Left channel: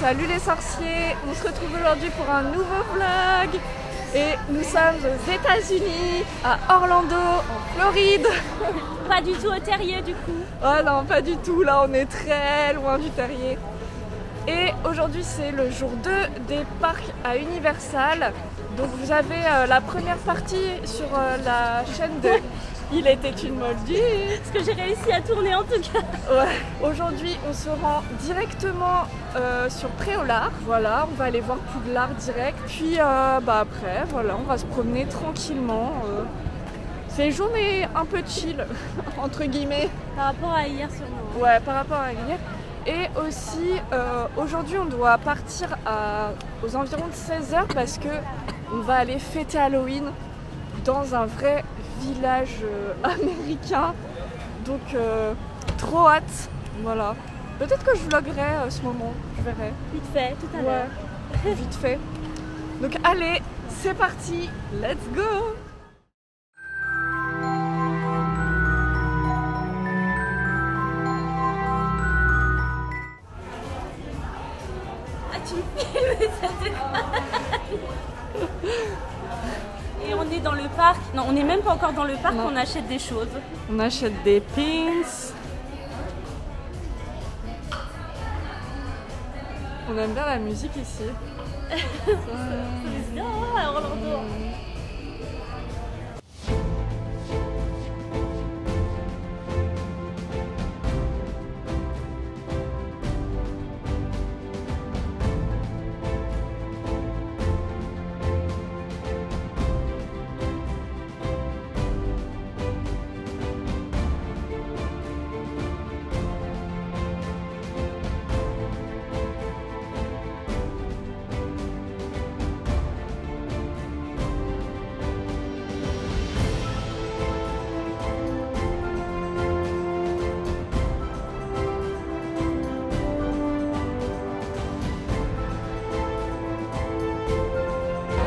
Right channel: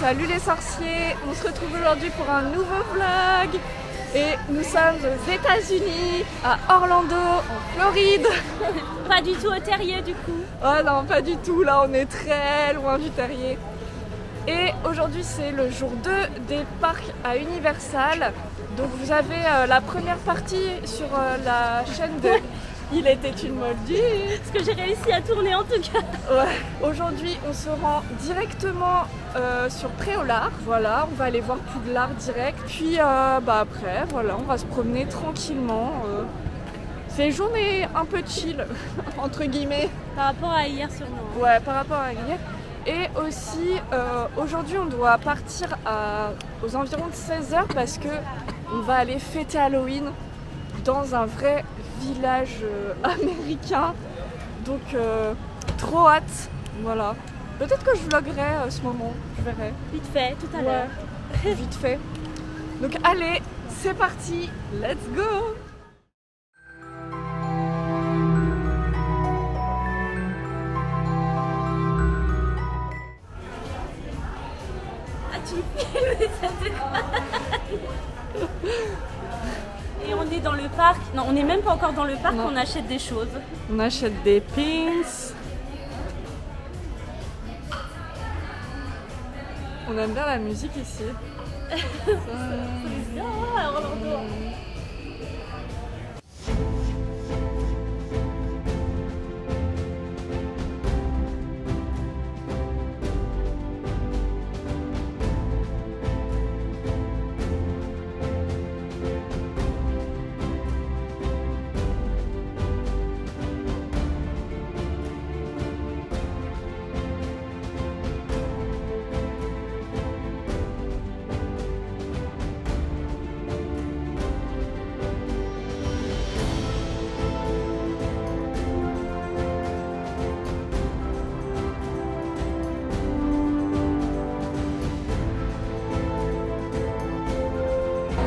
salut les sorciers. On se retrouve aujourd'hui pour un nouveau vlog. Et nous sommes aux États-Unis, à Orlando, en Floride. Pas du tout au terrier du coup. Oh non, pas du tout, là on est très loin du terrier. Et aujourd'hui c'est le jour 2 des parcs à Universal. Donc vous avez la première partie sur la chaîne de Il était une Moldue. Ce que j'ai réussi à tourner en tout cas. Ouais. Aujourd'hui on se rend directement sur Préolard. Voilà, on va aller voir Poudlard direct. Puis après, voilà, on va se promener tranquillement. C'est une journée un peu chill, entre guillemets. Par rapport à hier sûrement. Ouais, par rapport à hier. Et aussi, aujourd'hui, on doit partir aux environs de 16h parce que on va aller fêter Halloween dans un vrai village américain. Donc, trop hâte. Voilà. Peut-être que je vloggerai ce moment, je verrai. Vite fait, tout à l'heure. Ouais, vite fait. Donc, allez, c'est parti, let's go! Tu filmes ça te Et on est dans le parc. Non, on n'est même pas encore dans le parc, on achète des choses. On achète des pins. On aime bien la musique ici.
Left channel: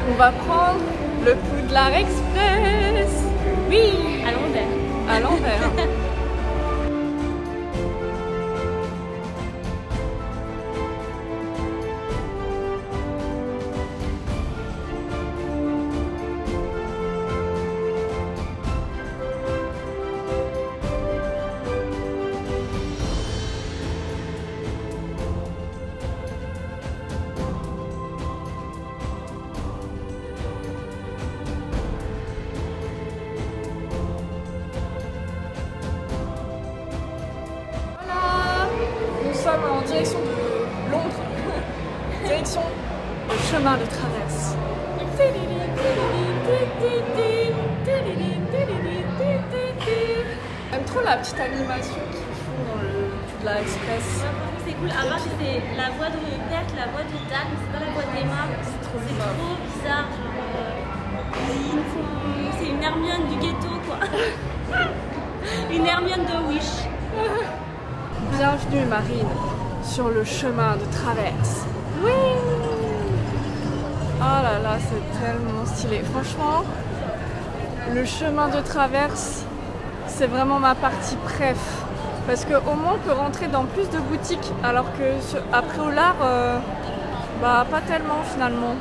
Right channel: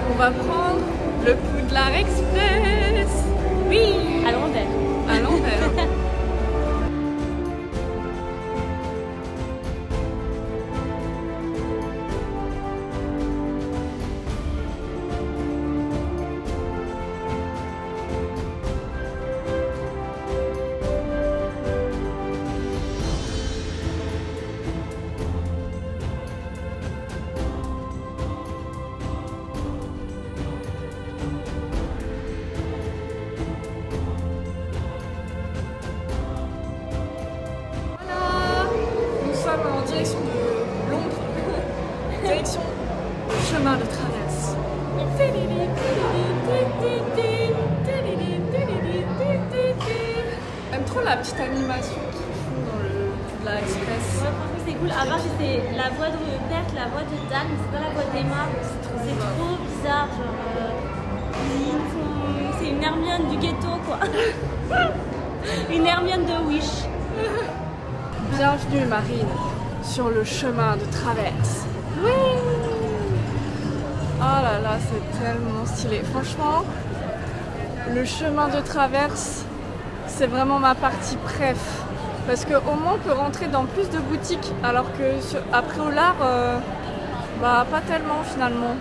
On va prendre le Poudlard Express. Oui, à l'envers. À l'envers. En direction de Londres, direction le chemin de traverse. J'aime trop la petite animation qu'ils font dans le Poudlard Express. Ouais, c'est cool. À part que c'est la voix de mon père, la voix de Dan, mais c'est pas la voix d'Emma. C'est trop bizarre. Genre, c'est une Hermione du ghetto quoi. Une Hermione de Wish. Bienvenue Marine sur le chemin de traverse. Oui. Oh là là, c'est tellement stylé. Franchement, le chemin de traverse, c'est vraiment ma partie préf. Parce qu'au moins on peut rentrer dans plus de boutiques, alors que à Préolard, pas tellement finalement.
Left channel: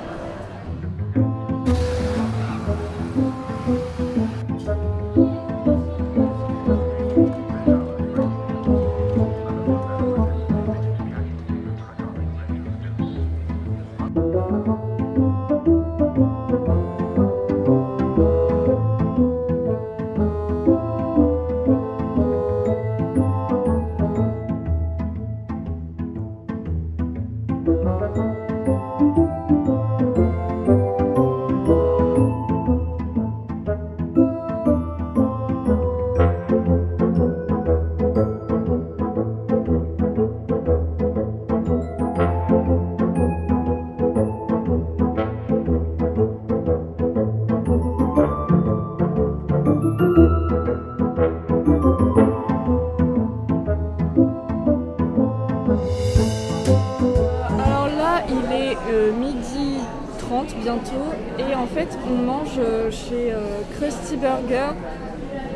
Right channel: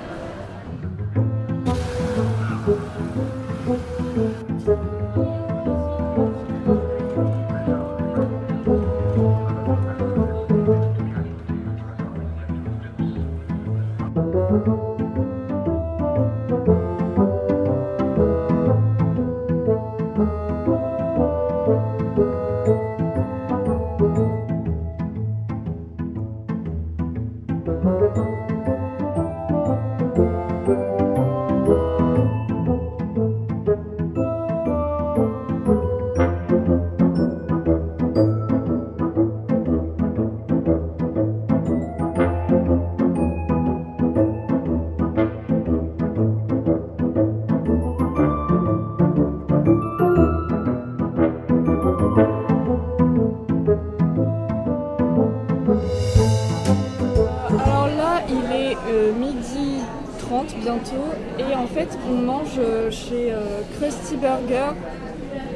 Midi 30 bientôt et en fait on mange chez Krusty Burger,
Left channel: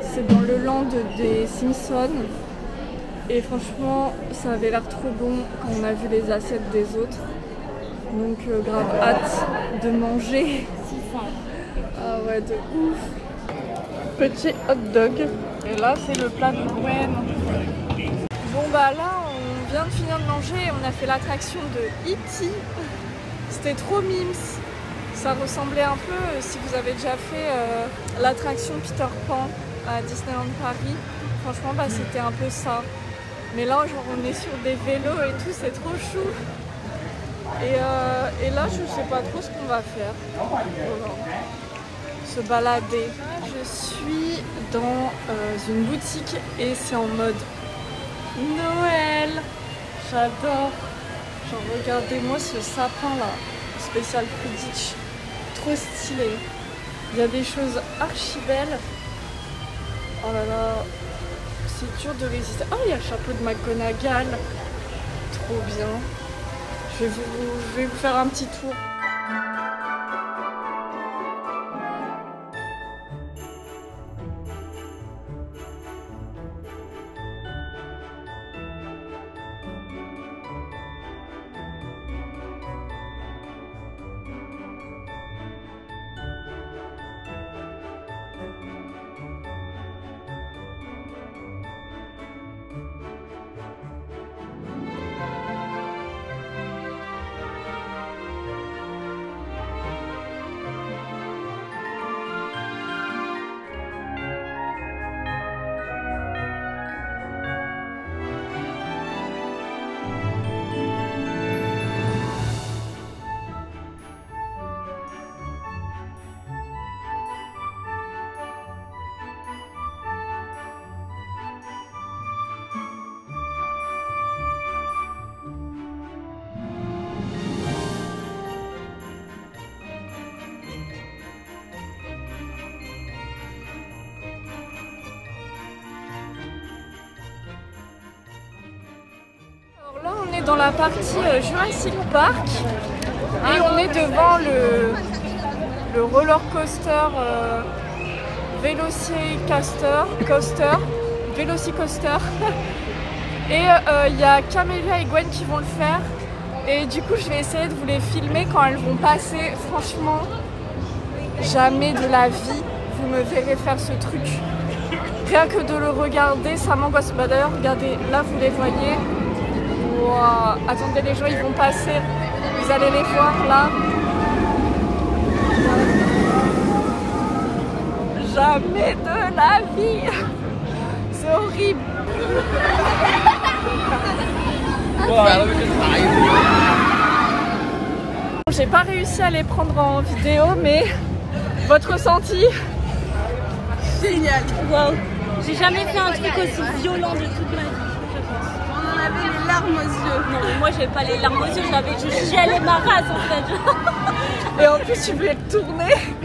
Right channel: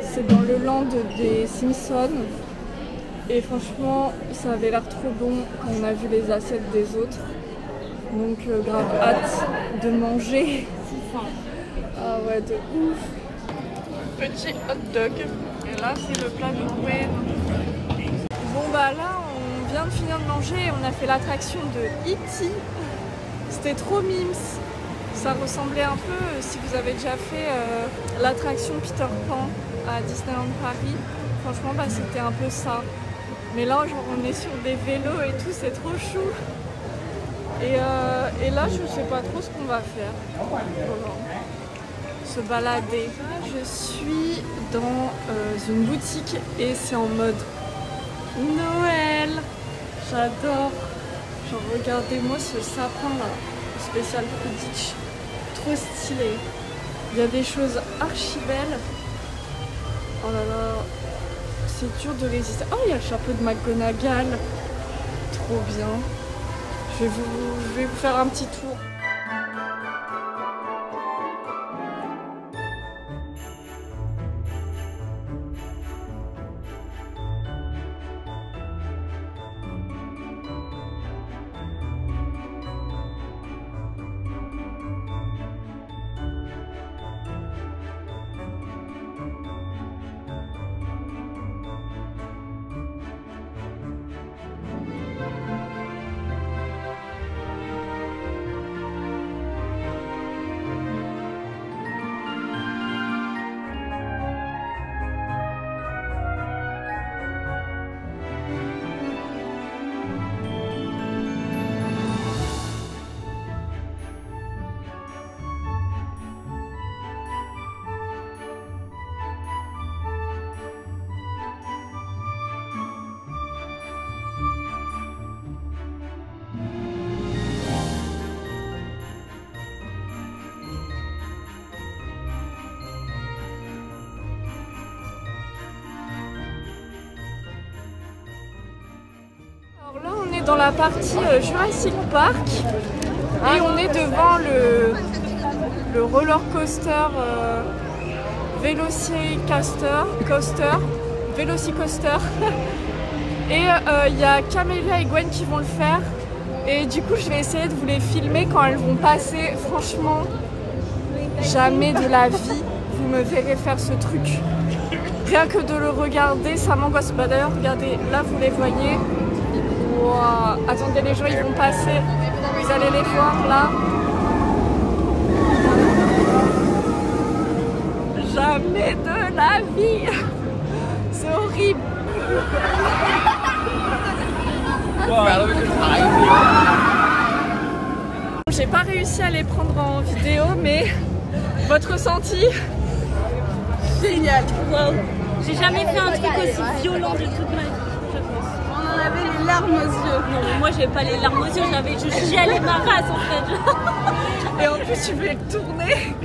c'est dans le land des Simpsons Et franchement, ça avait l'air trop bon quand on a vu les assiettes des autres. Donc grave hâte de manger. Ah ouais, de ouf. Petit hot dog. Et là, c'est le plat de Noël. Bon bah là, on vient de finir de manger et on a fait l'attraction de E.T. C'était trop mimes. Ça ressemblait un peu, si vous avez déjà fait l'attraction Peter Pan à Disneyland Paris, franchement bah, c'était un peu ça. Mais là genre, on est sur des vélos et tout, c'est trop chou. Et là je sais pas trop ce qu'on va faire. Voilà. Se balader. Je suis dans une boutique et c'est en mode Noël. J'adore. Enfin, regardez-moi ce sapin là, spécial Quidditch. Trop stylé. Il y a des choses archi belles. Oh là là, c'est dur de résister. Oh, il y a le chapeau de McGonagall. Trop bien. Je vais vous faire un petit tour. Dans la partie Jurassic Park et on est devant le roller coaster Velocicoaster et il y a Camélia et Gwen qui vont le faire et du coup je vais essayer de vous les filmer quand elles vont passer. Franchement, jamais de la vie vous me verrez faire ce truc. Rien que de le regarder ça m'angoisse. Bah d'ailleurs regardez, là vous les voyez. Wow. Attendez, les gens ils vont passer, vous allez les voir là. Jamais de la vie. C'est horrible. J'ai pas réussi à les prendre en vidéo, mais votre ressenti? Génial. Wow. J'ai jamais fait un truc aussi violent de toute ma vie. On en avait les larmes aux yeux. Non mais moi j'ai pas les larmes aux yeux, je chialais ma race en fait. Et en plus tu voulais tourner.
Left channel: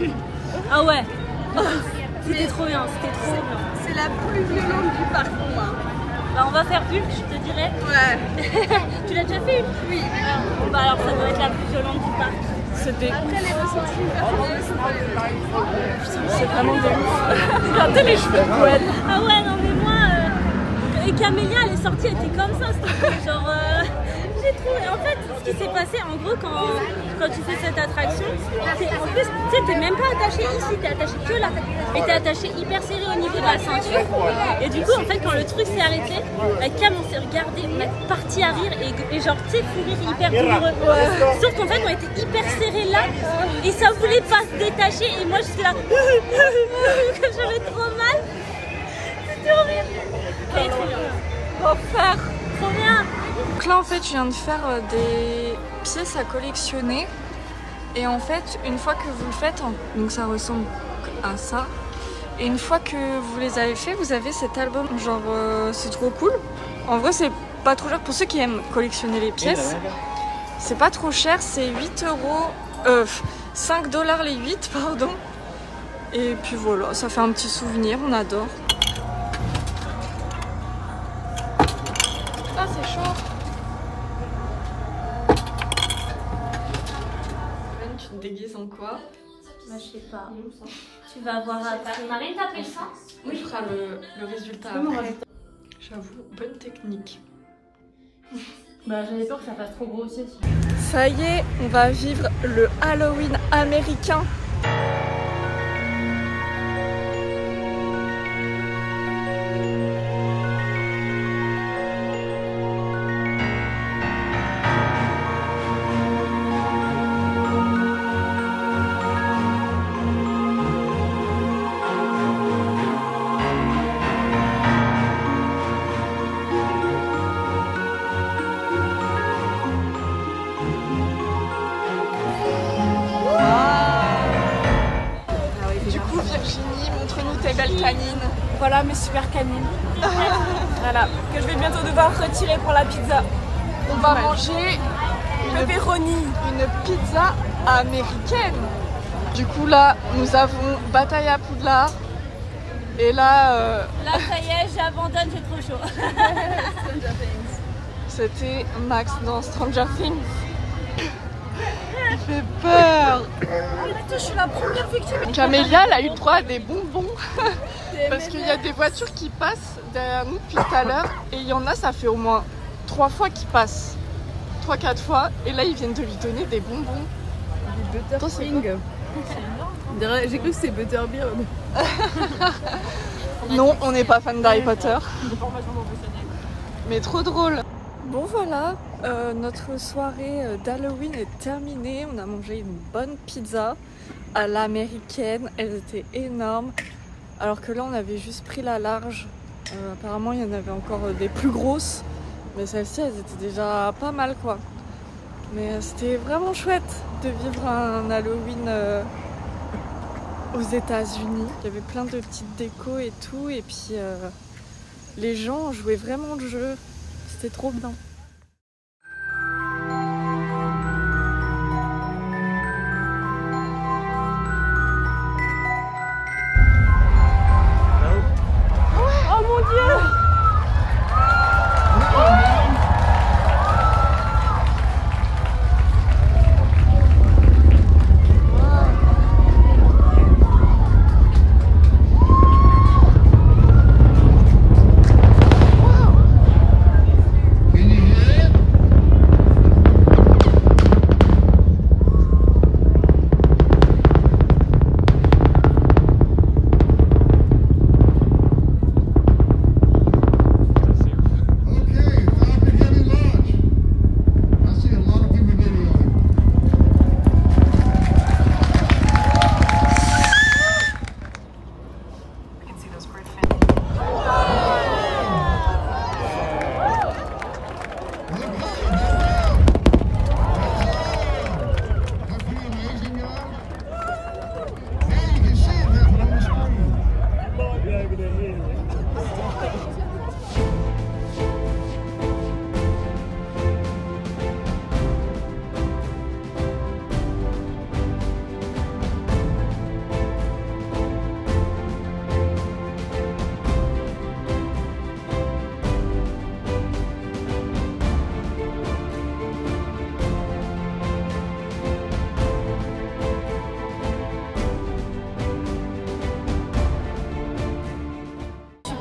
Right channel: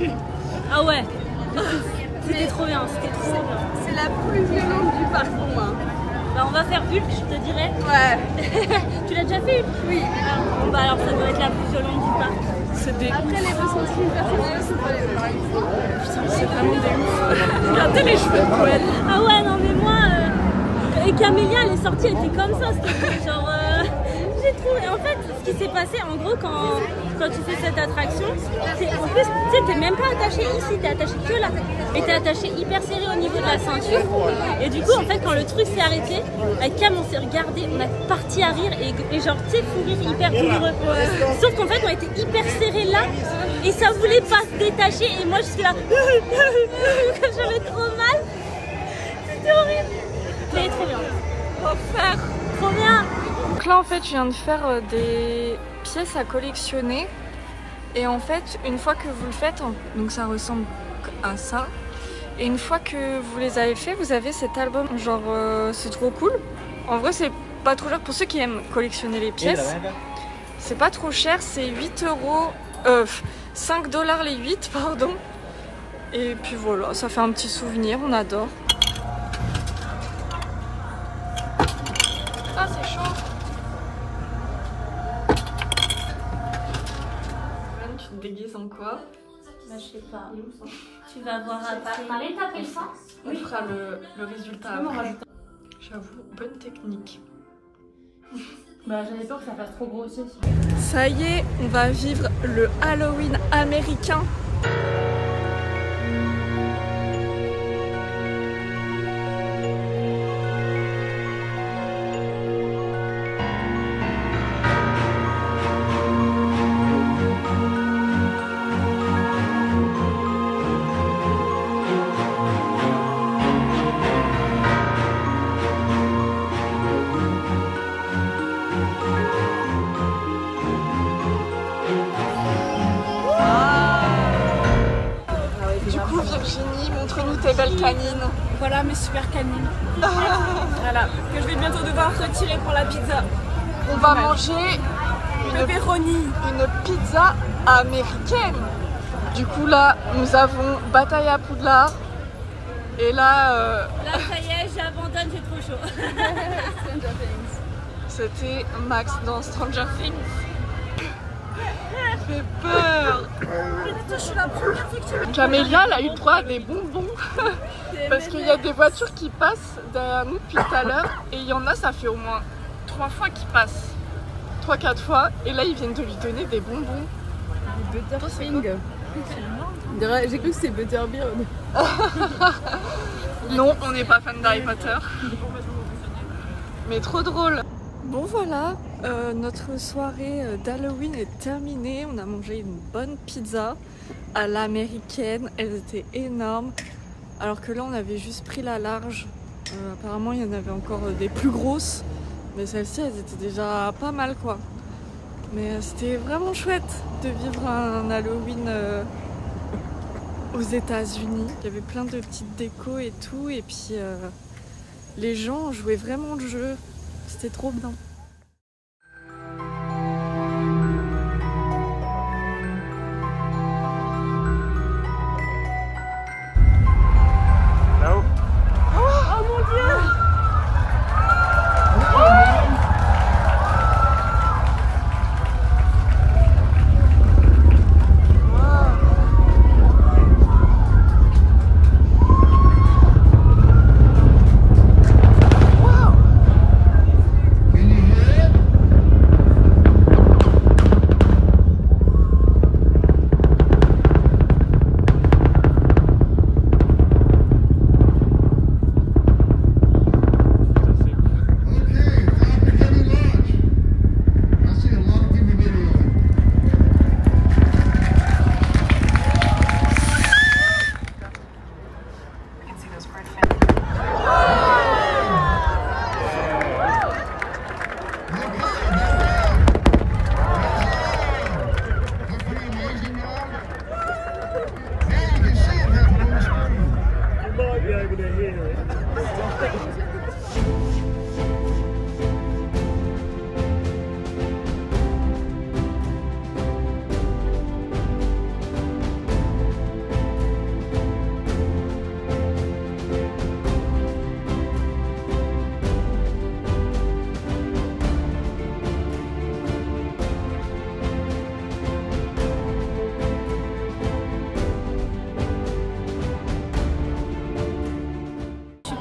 Ah ouais. C'était trop bien, c'était trop bien. C'est la plus violente du parc pour moi. Bah on va faire Hulk, je te dirais. Ouais. Tu l'as déjà fait Hulk? Oui. Ah, bon bah alors ça doit être la plus violente du parc. C'était après les ressentis personnels, c'est pas les mêmes. Putain, c'est vraiment des ouf. Regardez les cheveux de Gwen. Ah ouais non mais moi et Camélia elle est sortie, elle était comme ça, c'était genre j'ai trouvé. En fait ce qui s'est passé en gros quand tu fais cette attraction, c'est en plus tu sais t'es même pas attaché ici, t'es attaché que là. Et t'es attaché hyper serré au niveau de la ceinture. Et du coup en fait quand le truc s'est arrêté, avec Cam on s'est regardé, on a parti à rire et genre tu sais fou rire hyper douloureux. Ouais. Sauf qu'en fait on était hyper serré là et ça voulait pas se détacher et moi j'étais là j'avais trop mal. C'était horrible. C'était trop bien. Refaire. Trop bien. Donc là en fait je viens de faire des pièces à collectionner. Et en fait une fois que vous le faites, donc ça ressemble à ça. Et une fois que vous les avez fait, vous avez cet album. Genre c'est trop cool. En vrai c'est pas trop cher pour ceux qui aiment collectionner les pièces. C'est pas trop cher, c'est 8 €. 5 $ les 8 pardon. Et puis voilà, ça fait un petit souvenir, on adore. Ah c'est chaud. Tu te déguises en quoi? Bah je sais pas. Tu vas voir après. Marine t'appelles ça? On fera le résultat après. Je J'avoue, bonne technique. Bah j'avais peur que ça fasse trop grossier. Ça y est, on va vivre le Halloween américain. Tes belles canines. Voilà mes super canines. Voilà, que je vais bientôt devoir retirer pour la pizza. On va manger pepperoni. Une pizza américaine. Du coup là, nous avons bataille à Poudlard. Et là... Là ça y est, j'abandonne, j'ai trop chaud. C'était Max dans Stranger Things. J'ai peur. Je suis la première victime. Camélia, elle a eu droit à des bonbons parce qu'il y a des voitures qui passent derrière nous depuis tout à l'heure et il y en a, ça fait au moins 3 fois qu'ils passent, 3-4 fois, et là ils viennent de lui donner des bonbons. Des Butterfing. J'ai cru que c'était Butterbeer. Non, on n'est pas fan d'Harry Potter. Mais trop drôle. Bon voilà, notre soirée d'Halloween est terminée. On a mangé une bonne pizza à l'américaine. Elles étaient énormes. Alors que là on avait juste pris la large. Apparemment il y en avait encore des plus grosses. Mais celles-ci elles étaient déjà pas mal quoi. Mais c'était vraiment chouette de vivre un Halloween aux États-Unis. Il y avait plein de petites décos et tout. Et puis les gens jouaient vraiment le jeu. C'était trop bien.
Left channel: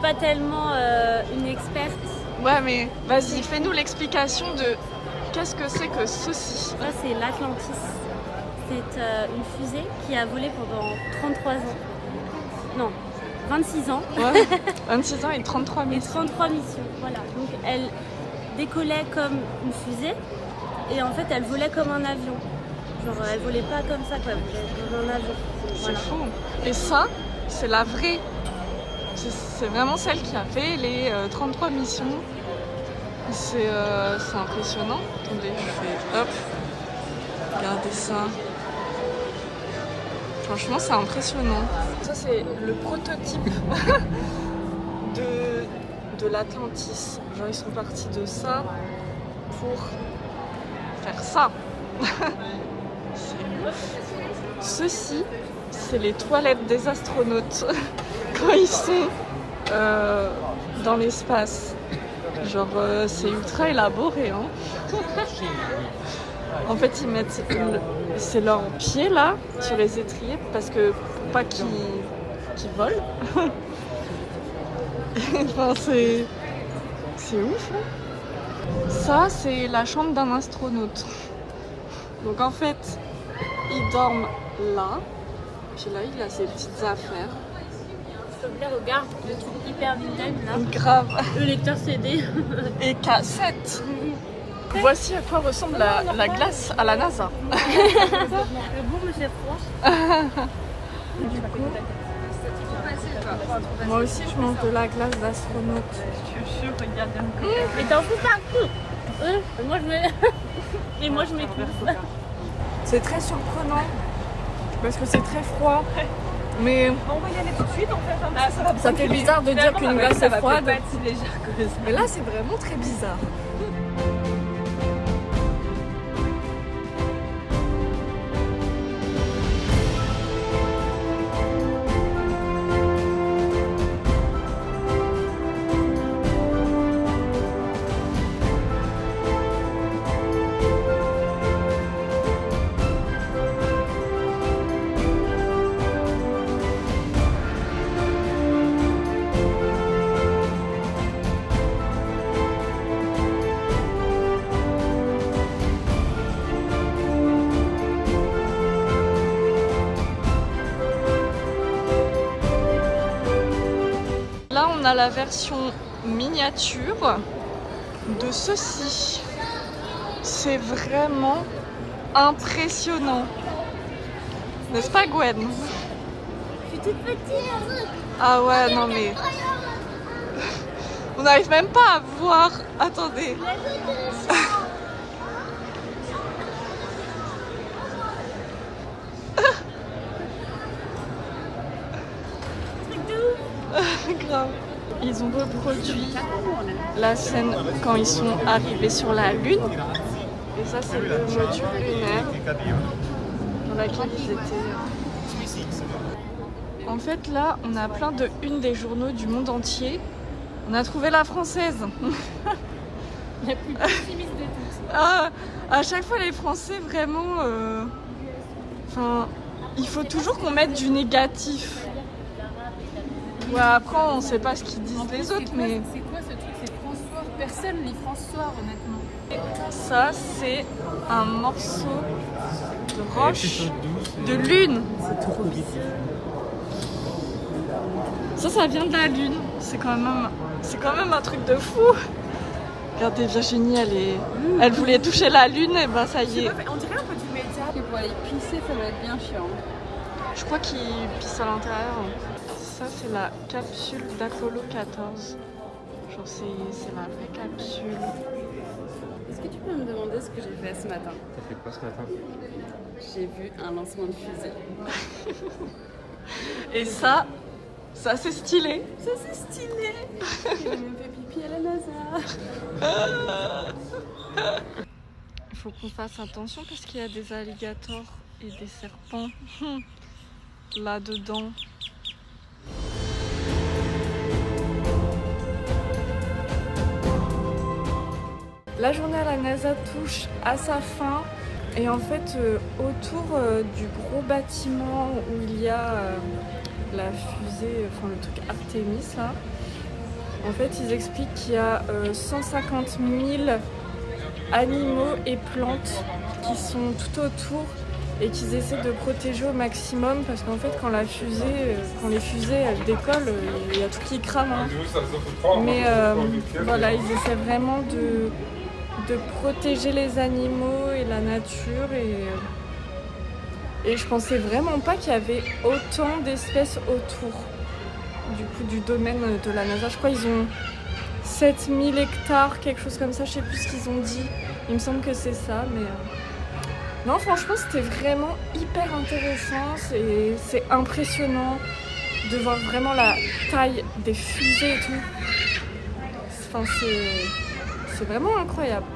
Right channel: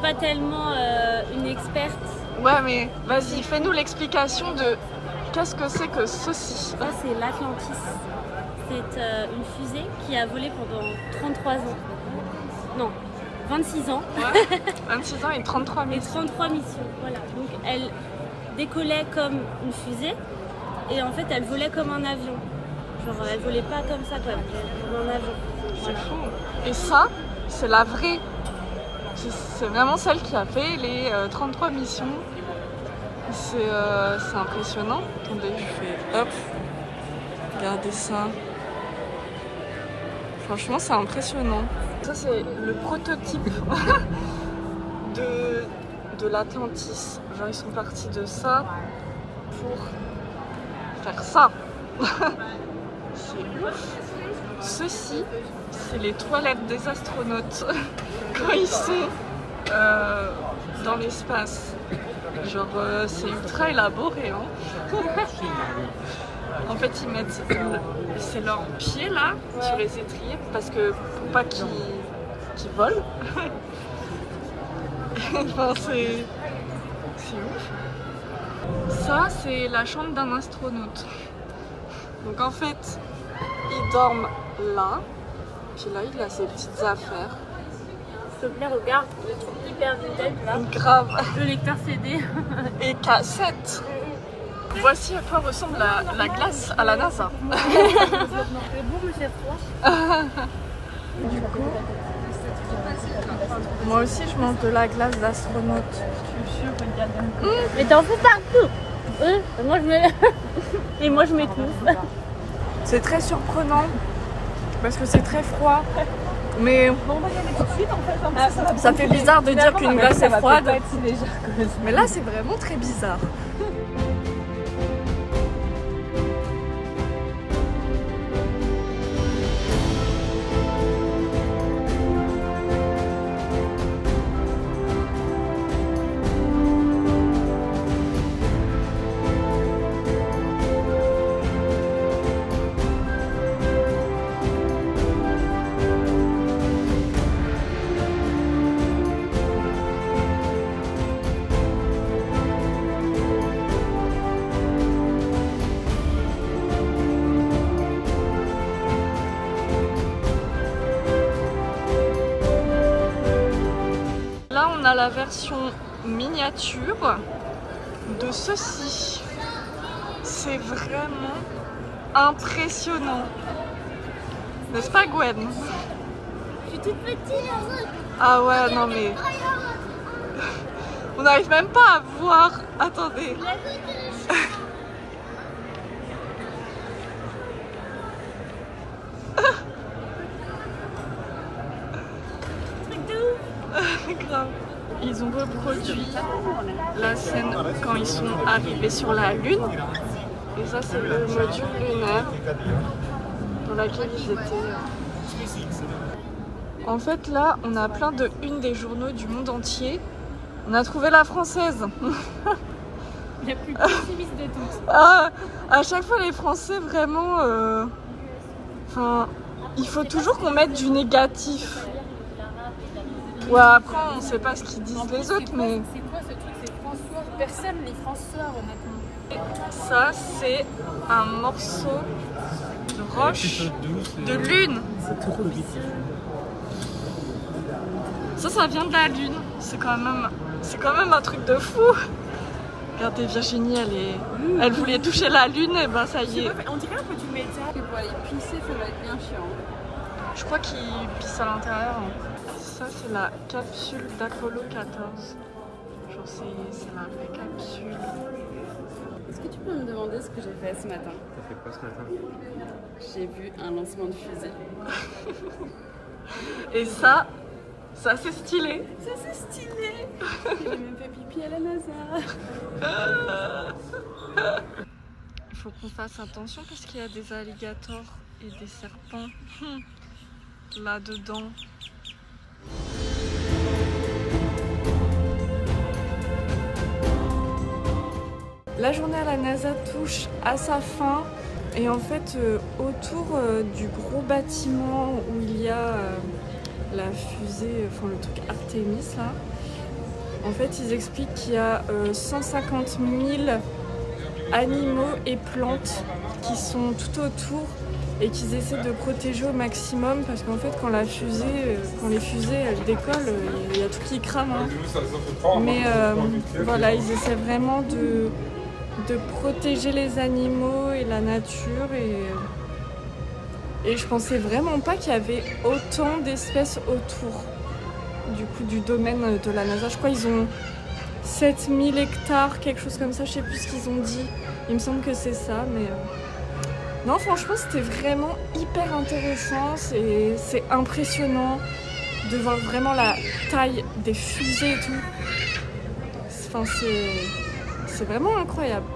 Pas tellement une experte. Ouais mais vas-y, fais-nous l'explication de qu'est-ce que c'est que saucisse. Ça c'est l'Atlantis. C'est une fusée qui a volé pendant 33 ans. Non, 26 ans. Ouais, 26 ans et 33 missions. Et 33 missions, voilà. Donc elle décollait comme une fusée et en fait elle volait comme un avion. Genre elle volait pas comme ça quoi, elle volait comme un avion. Voilà. C'est fou. Et ça, c'est la vraie. C'est vraiment celle qui a fait les 33 missions. C'est impressionnant. Attendez, je fais hop. Regardez ça. Franchement, c'est impressionnant. Ça, c'est le prototype de l'Atlantis. Genre, ils sont partis de ça pour faire ça. C'est ouf. Ceci, c'est les toilettes des astronautes quand ils sont dans l'espace. Genre, c'est ultra élaboré. Hein. En fait, ils mettent c'est leurs pieds là sur les étriers parce que pour pas qu'ils volent. Enfin, C'est ouf. Ça, c'est la chambre d'un astronaute. Donc en fait, il dorment là. Puis là, il a ses petites affaires. Regarde, le truc hyper vintage là. Grave. Le lecteur CD. Et cassette. Voici à quoi ressemble la glace à la NASA. C'est bon, mais c'est froid. Du coup, moi aussi je mange de la glace d'astronaute. Je suis sûre, regardez. Mais t'en fais partout. Moi je mets. Et moi je m'étouffe. C'est très surprenant parce que c'est très froid. Mais Bon, on va y aller tout de suite en fait. ça fait bizarre de dire qu'une glace est froide. Pas être si légère que ça. Mais là c'est vraiment très bizarre. Là, on a la version miniature de ceci. C'est vraiment impressionnant. N'est-ce pas, Gwen? Je suis toute petite. Ah ouais, non mais... On n'arrive même pas à voir. Attendez. Grave. Ils ont reproduit la scène quand ils sont arrivés sur la Lune. Et ça, c'est le module lunaire dans laquelle ils étaient. En fait, là, on a plein de unes des journaux du monde entier. On a trouvé la française. La plus pessimiste de toutes. Ah, à chaque fois, les Français, vraiment... Enfin, il faut toujours qu'on mette du négatif. Ouais, après, on sait pas ce qu'ils disent les autres, mais... C'est quoi ce truc? C'est François. Personne les François, honnêtement. Ça, c'est un morceau de roche de lune. Ça vient de la lune. C'est quand même un truc de fou. Regardez, Virginie, elle voulait toucher la lune, et ben ça y est. On dirait un peu du métal. Pour aller pisser, ça va être bien chiant. Je crois qu'il pisse à l'intérieur. Ça, c'est la capsule d'Apollo 14. Genre, c'est la vraie capsule. Est-ce que tu peux me demander ce que j'ai fait ce matin? J'ai vu un lancement de fusée. Et ça c'est stylé. Ça c'est stylé. J'ai même fait pipi à la NASA. Il faut qu'on fasse attention parce qu'il y a des alligators et des serpents là-dedans. La journée à la NASA touche à sa fin et en fait autour du gros bâtiment où il y a la fusée, enfin le truc Artemis là, en fait ils expliquent qu'il y a 150 000 animaux et plantes qui sont tout autour et qu'ils essaient de protéger au maximum parce qu'en fait quand les fusées elles décollent, il y a tout qui crame hein. Mais voilà, ils essaient vraiment de protéger les animaux et la nature et je pensais vraiment pas qu'il y avait autant d'espèces autour du domaine de la NASA. Je crois qu'ils ont 7000 hectares, quelque chose comme ça, je sais plus ce qu'ils ont dit. Il me semble que c'est ça, mais... Non, franchement, c'était vraiment hyper intéressant. C'est impressionnant de voir vraiment la taille des fusées et tout. Enfin, c'est vraiment incroyable.